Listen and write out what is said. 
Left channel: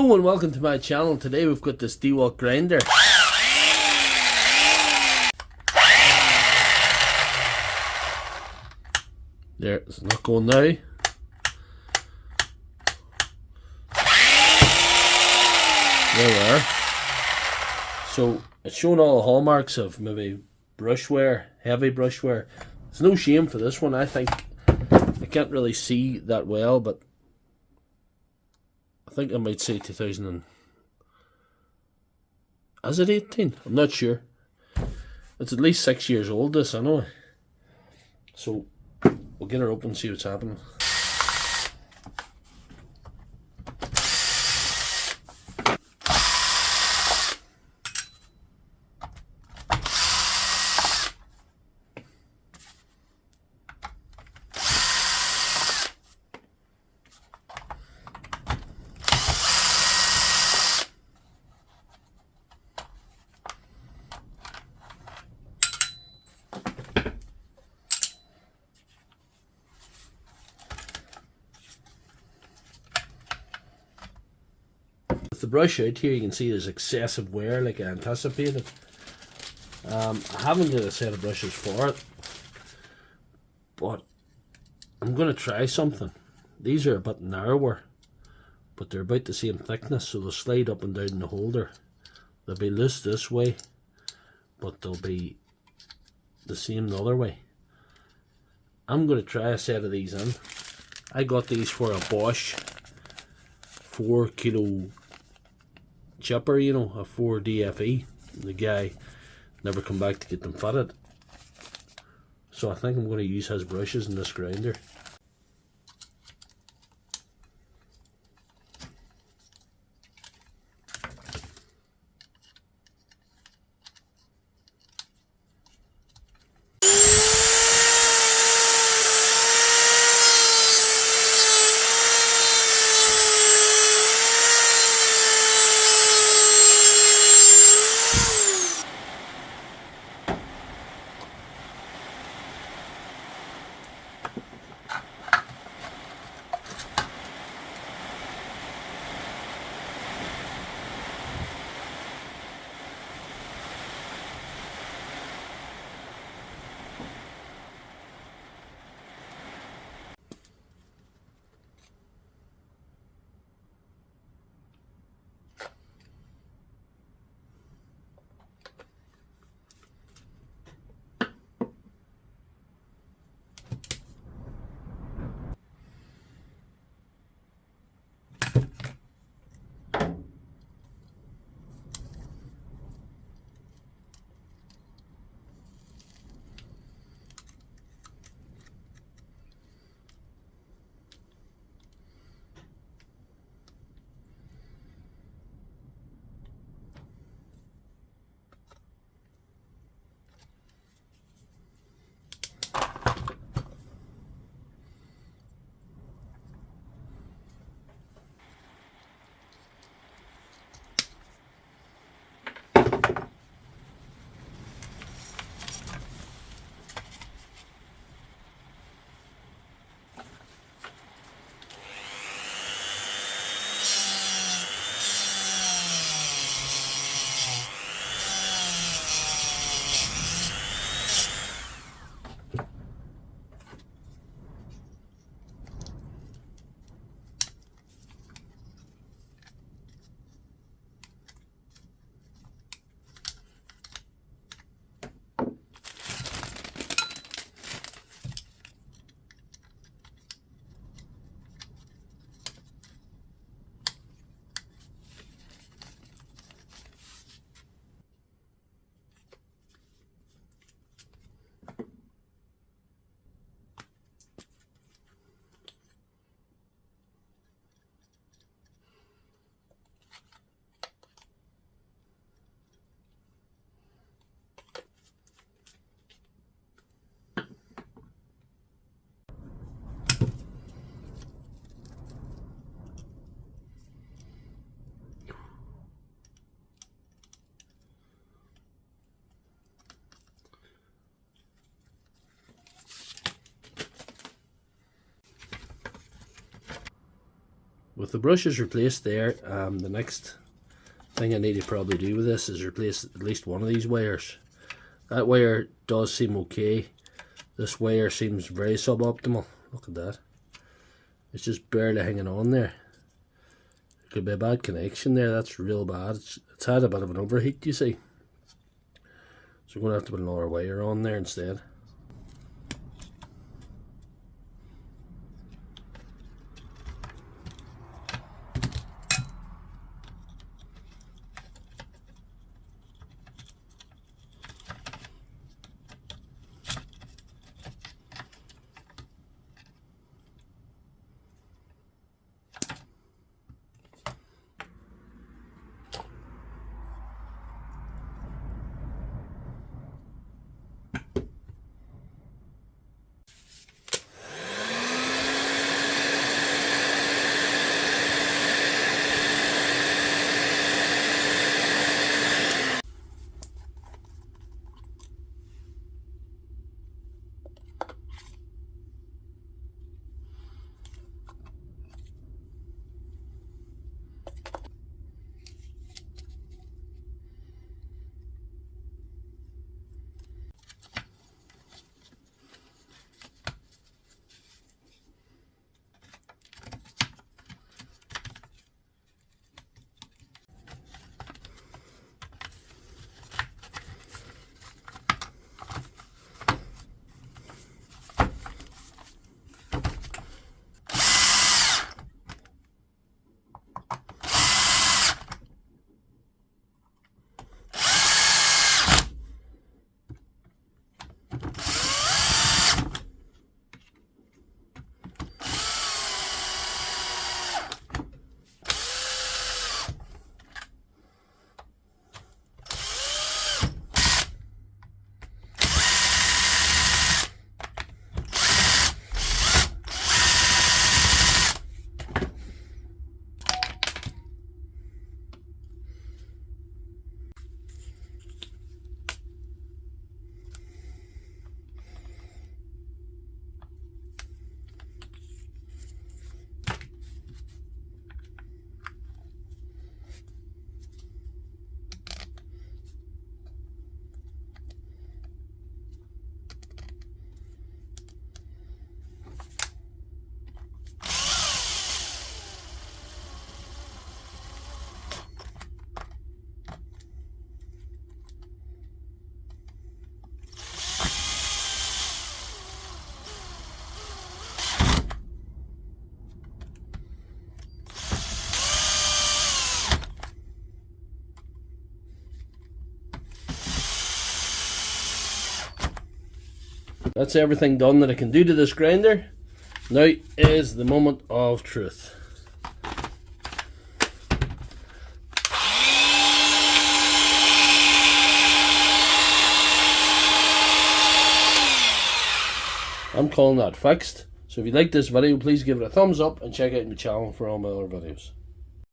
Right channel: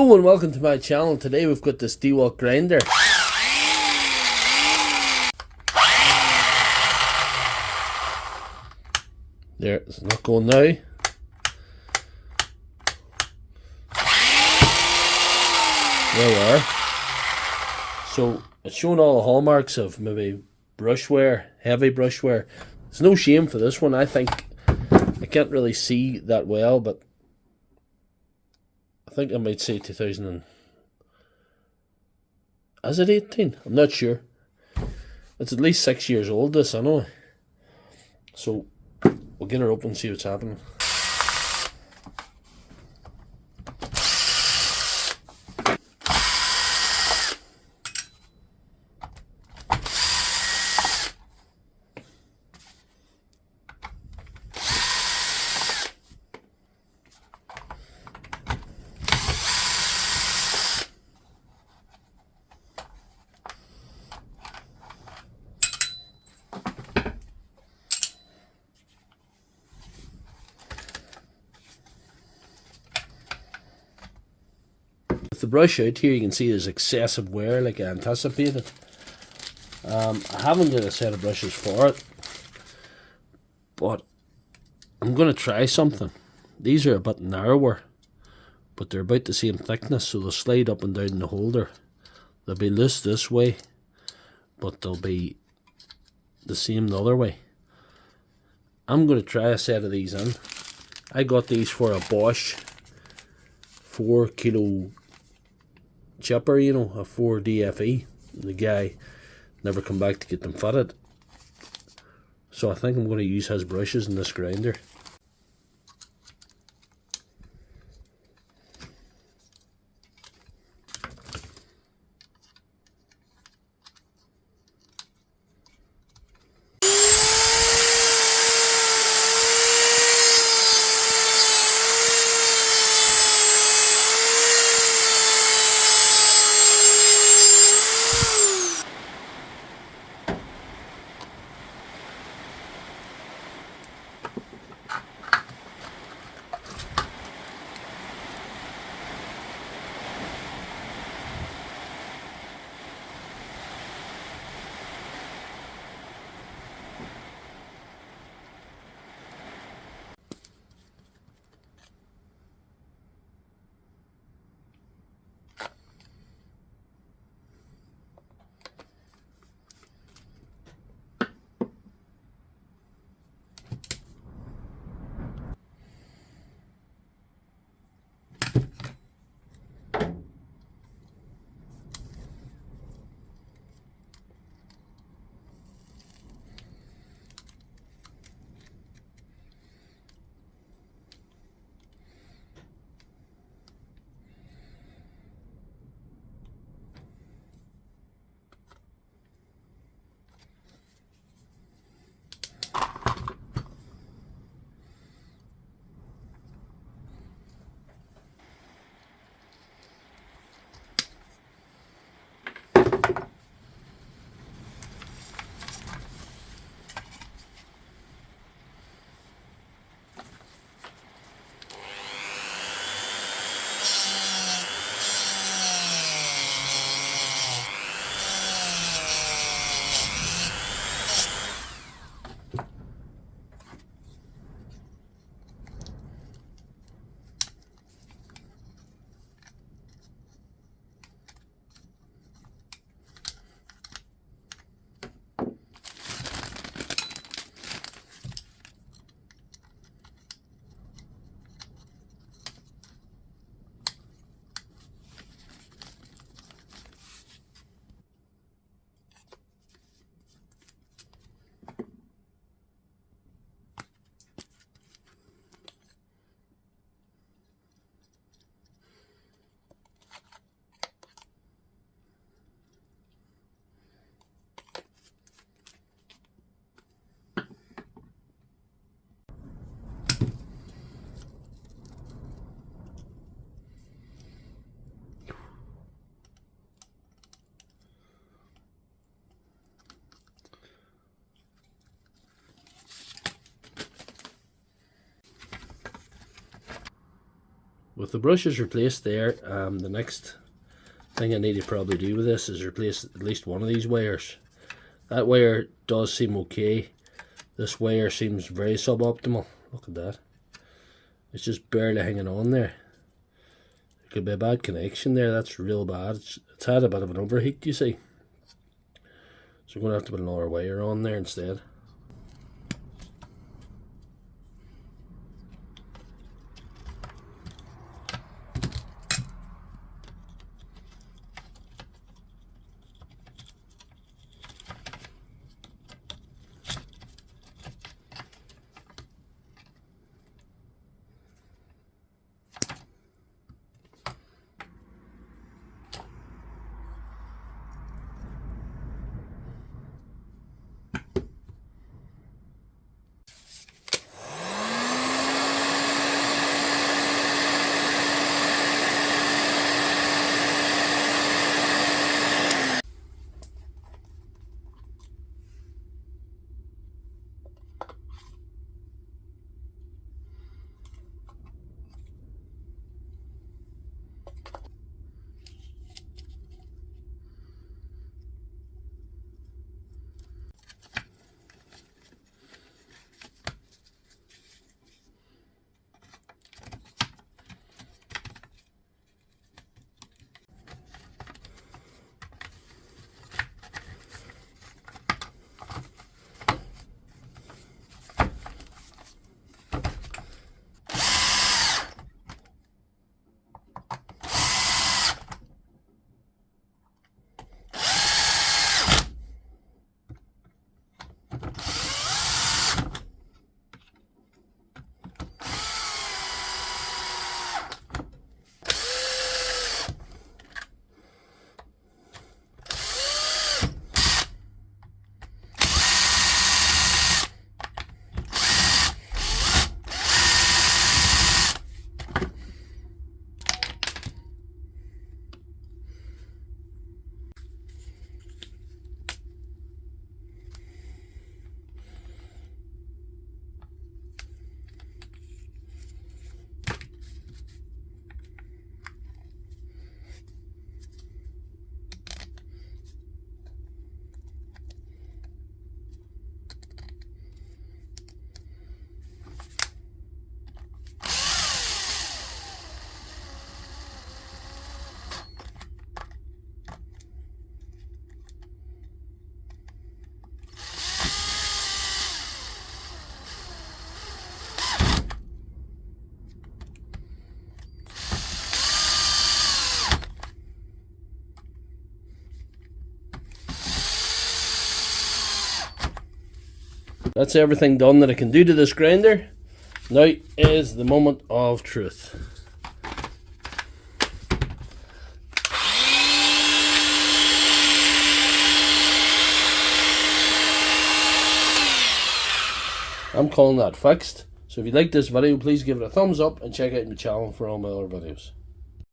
Hello and welcome to my channel. Today we've got this Dewalt grinder. There, it's not going now. There we are. So it's showing all the hallmarks of maybe brush wear, heavy brush wear. There's no shame for this one. I think I can't really see that well, but I think I might say 2000 and... Is it 18? I'm not sure. It's at least 6 years old, this, anyway. So we'll get her open and see what's happening. With the brush out here, you can see there's excessive wear like I anticipated. I haven't got a set of brushes for it, but I'm going to try something. These are a bit narrower, but they're about the same thickness, so they'll slide up and down in the holder. They'll be loose this way, but they'll be the same the other way. I'm going to try a set of these in. I got these for a Bosch 4 kilo chipper, you know, a 4 DFE. The guy never come back to get them fitted, so I think I'm going to use his brushes in this grinder. with the brushes replaced there, the next thing I need to probably do with this is replace at least one of these wires. That wire does seem okay. This wire seems very suboptimal. Look at that. It's just barely hanging on there. There could be a bad connection there. That's real bad. It's had a bit of an overheat, you see. So I'm going to have to put another wire on there instead. That's everything done that I can do to this grinder. Now is the moment of truth. I'm calling that fixed. So if you like this video, please give it a thumbs up and check out my channel for all my other videos.